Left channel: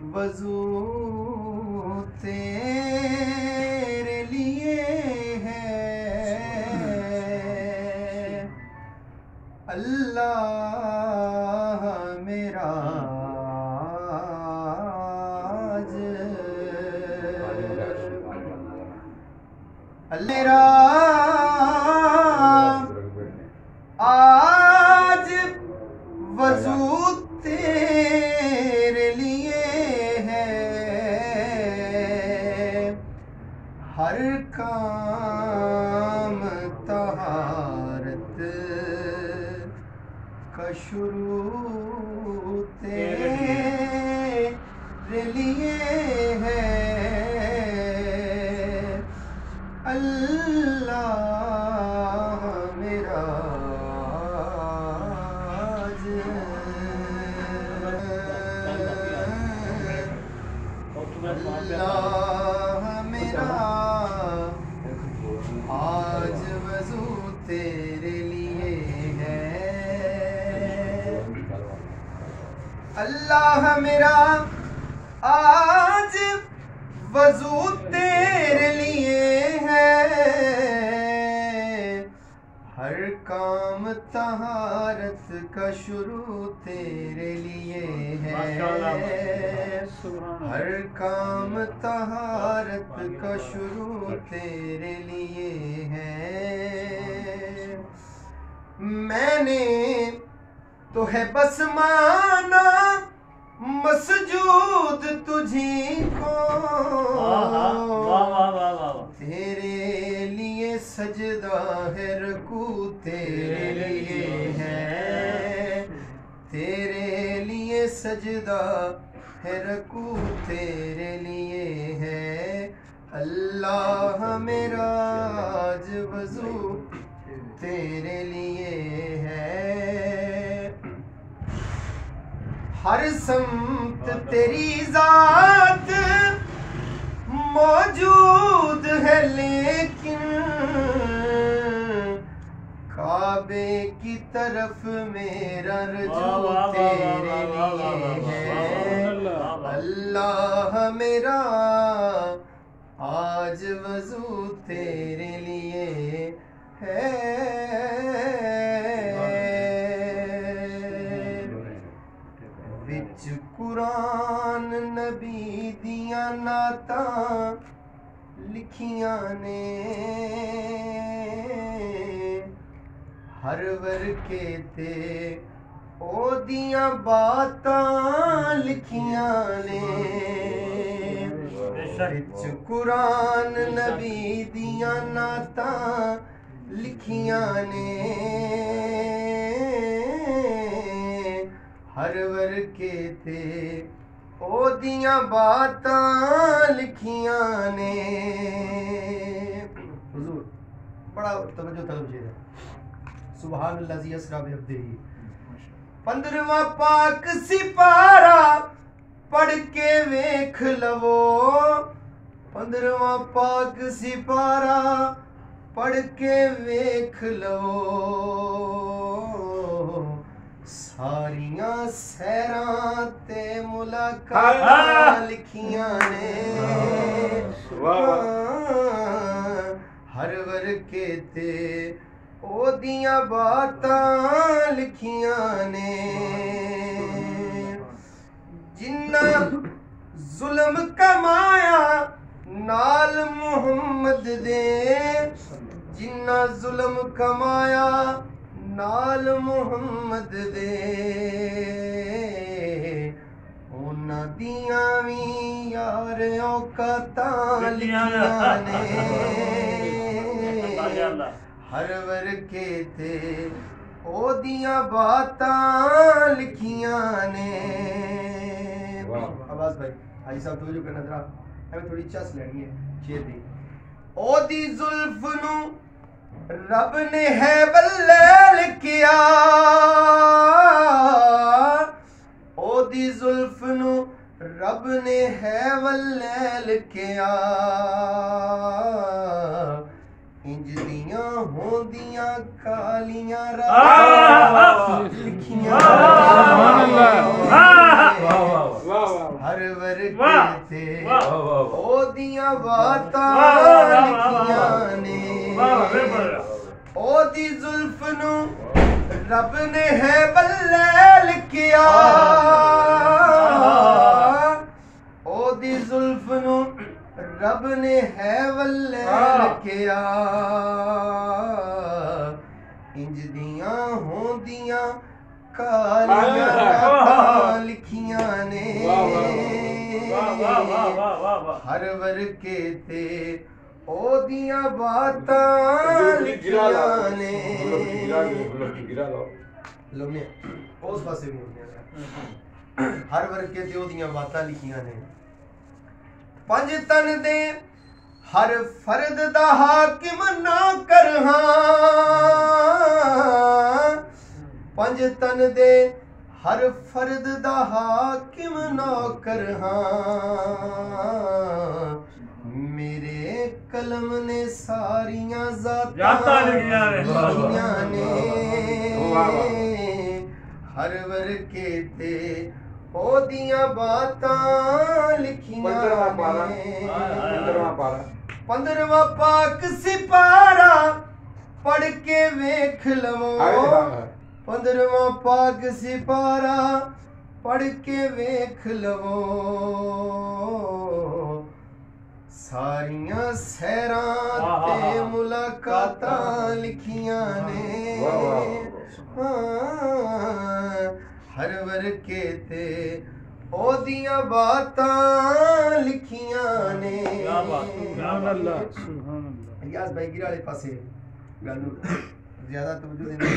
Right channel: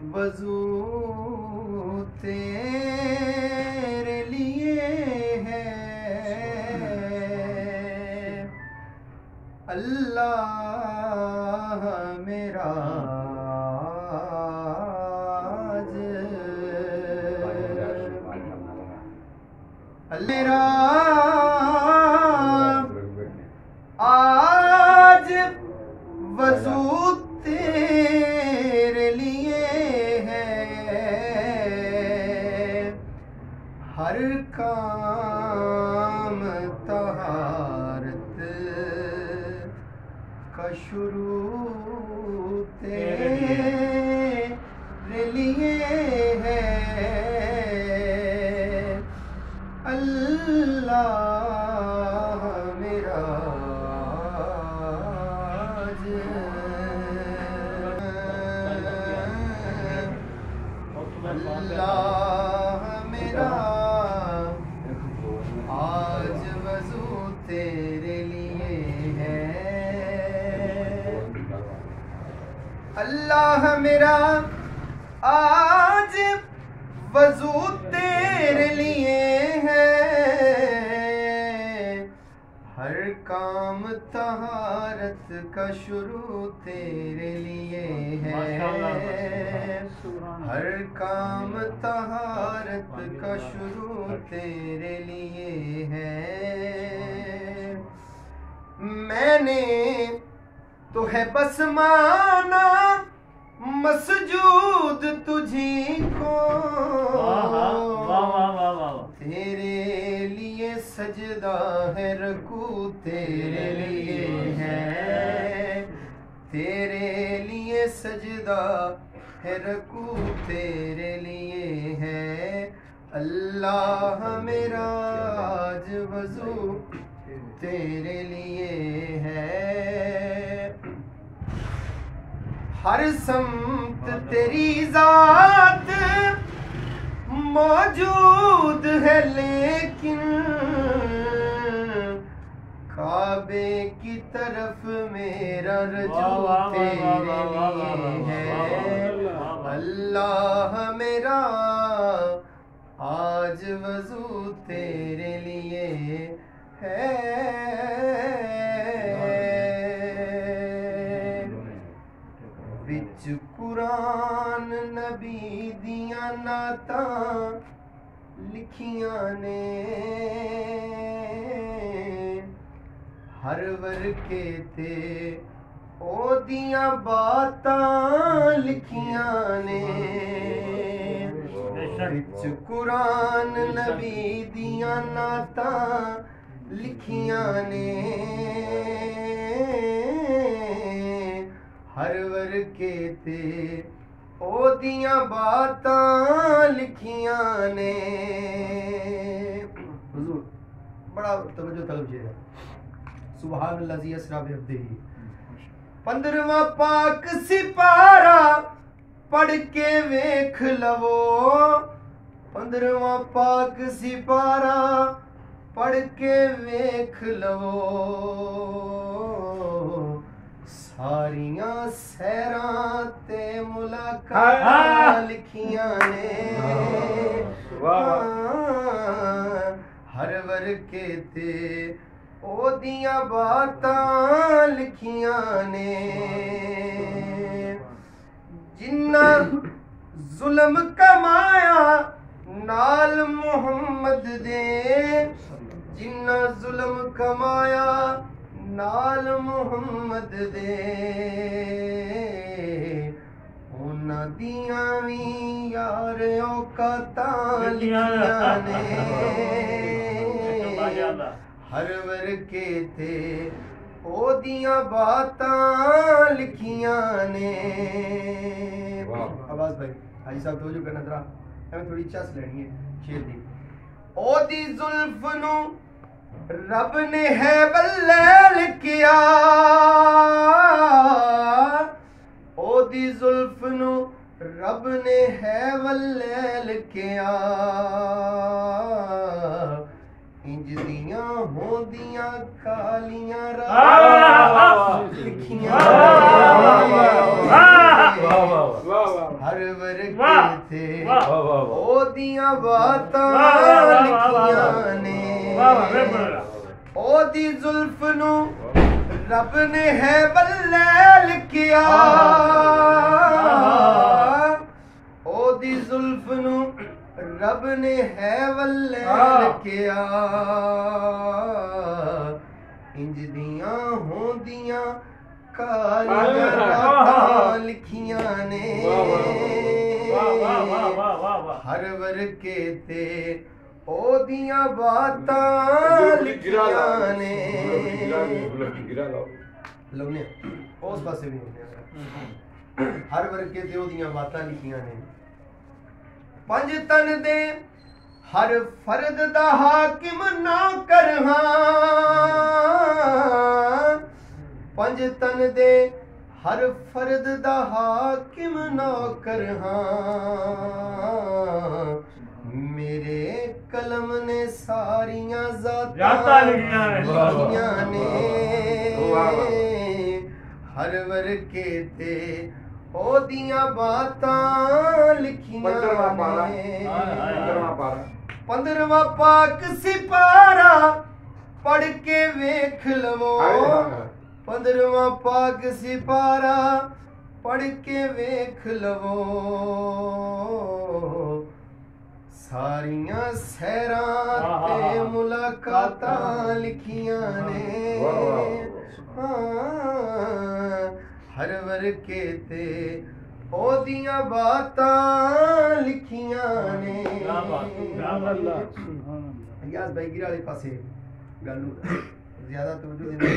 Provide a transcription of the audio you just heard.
वजू तेरे लिए है अल्लाह मेरा मेरा आज वजू तेरे लिए है हर काम तहारत का शुरू तेरे लिए है अल्लाह मेरा अल्लाह मेरा आज वजू तेरे लिए है अल्लाह मेरा आज वजू तेरे लिए है हर काम तहारत का शुरू तेरे लिए है हर काम तहारत का शुरू तेरे लिए है मैंने तो है बस माना मसजूद तुझी को तेरे लिए सजदा है रकू तेरे लिए है तेरे लिए सजदा है रकू तेरे लिए है अल्लाह मेरा आज वजू तेरे लिए है हर समत तेरी जात मौजूद है लेकिन काबे की तरफ मेरा रजू तेरे लिए है अल्लाह मेरा आज वजू तेरे लिए है विच कुरान नबी दिया नाता लिखियां ने हर वर्के ते ओदियां बातां लिखियां ने विच कुरान नबी दिया नाता लिखियां ने हर वर्के ते ओदियां बातां लिखियां ने हुजूर बड़ा तवज्जो तलब है सुभान अल्लाह जी असरा बिअब्दिही 15वां पाक सिपारा पढ़ के वेख लवो 15वां पाक सिपारा पढ़ के वेख लवो सारियां सैरां ते मुलाकात लिखियां ने हर वर्के ते ओदियां बातां लिखियां ने जिन्ना जुल्म कमाया नाल मुहम्मद दे जिन्ना जुल्म कमाया नाल मुहम्मद दे उन्हां दियां वी यार औकातां लिखियां ने हर वर्के ते ओदियां बातां लिखियां ने आवाज भाई साहब तवज्जो करना जरा हमें थोड़ी चस लेनी है शेर दी ओदी जुल्फ नू रब ने है बल्लैल किया ओदी जुल्फ नू रब ने है वल्लैल किया इंज दियां होंदियां कालियां रात लिखियां हर वर्के वाह, ते वाह, ओदियां बातां लिखियां ने ओदी जुल्फ नू रब ने है बल्ले लिखिया ओदी जुल्फ नू रब ने है बल्ले लिखिया इंज दियां होंदियां कालियां रातां लिखियां ने हर वर्के ते ओदियां बातां लिखियां ने लवने उस पासे भी होंदियां हर वर्के ते ओदियां बातां लिखियां ने पंज तन दे हर फर्द दा हाकिम ना कर पंज तन दे हर फर्द दा हाकिम ना कर मेरे कलम ने सारियां ज़ातां लिखियां ने हर वर्के ते ओदियां बातां लिखियां 15वां पाक सिपारा पढ़ के वेख लवो 15वां पाक सिपारा पढ़ के वेख लवो सारियां सैरां ते मुलाकातां लिखियां ने हर वर्के ते ओदियां बातां लिखियां ने रियाज भाई गिरा वाले पासे गल ज्यादा तवज्जो देना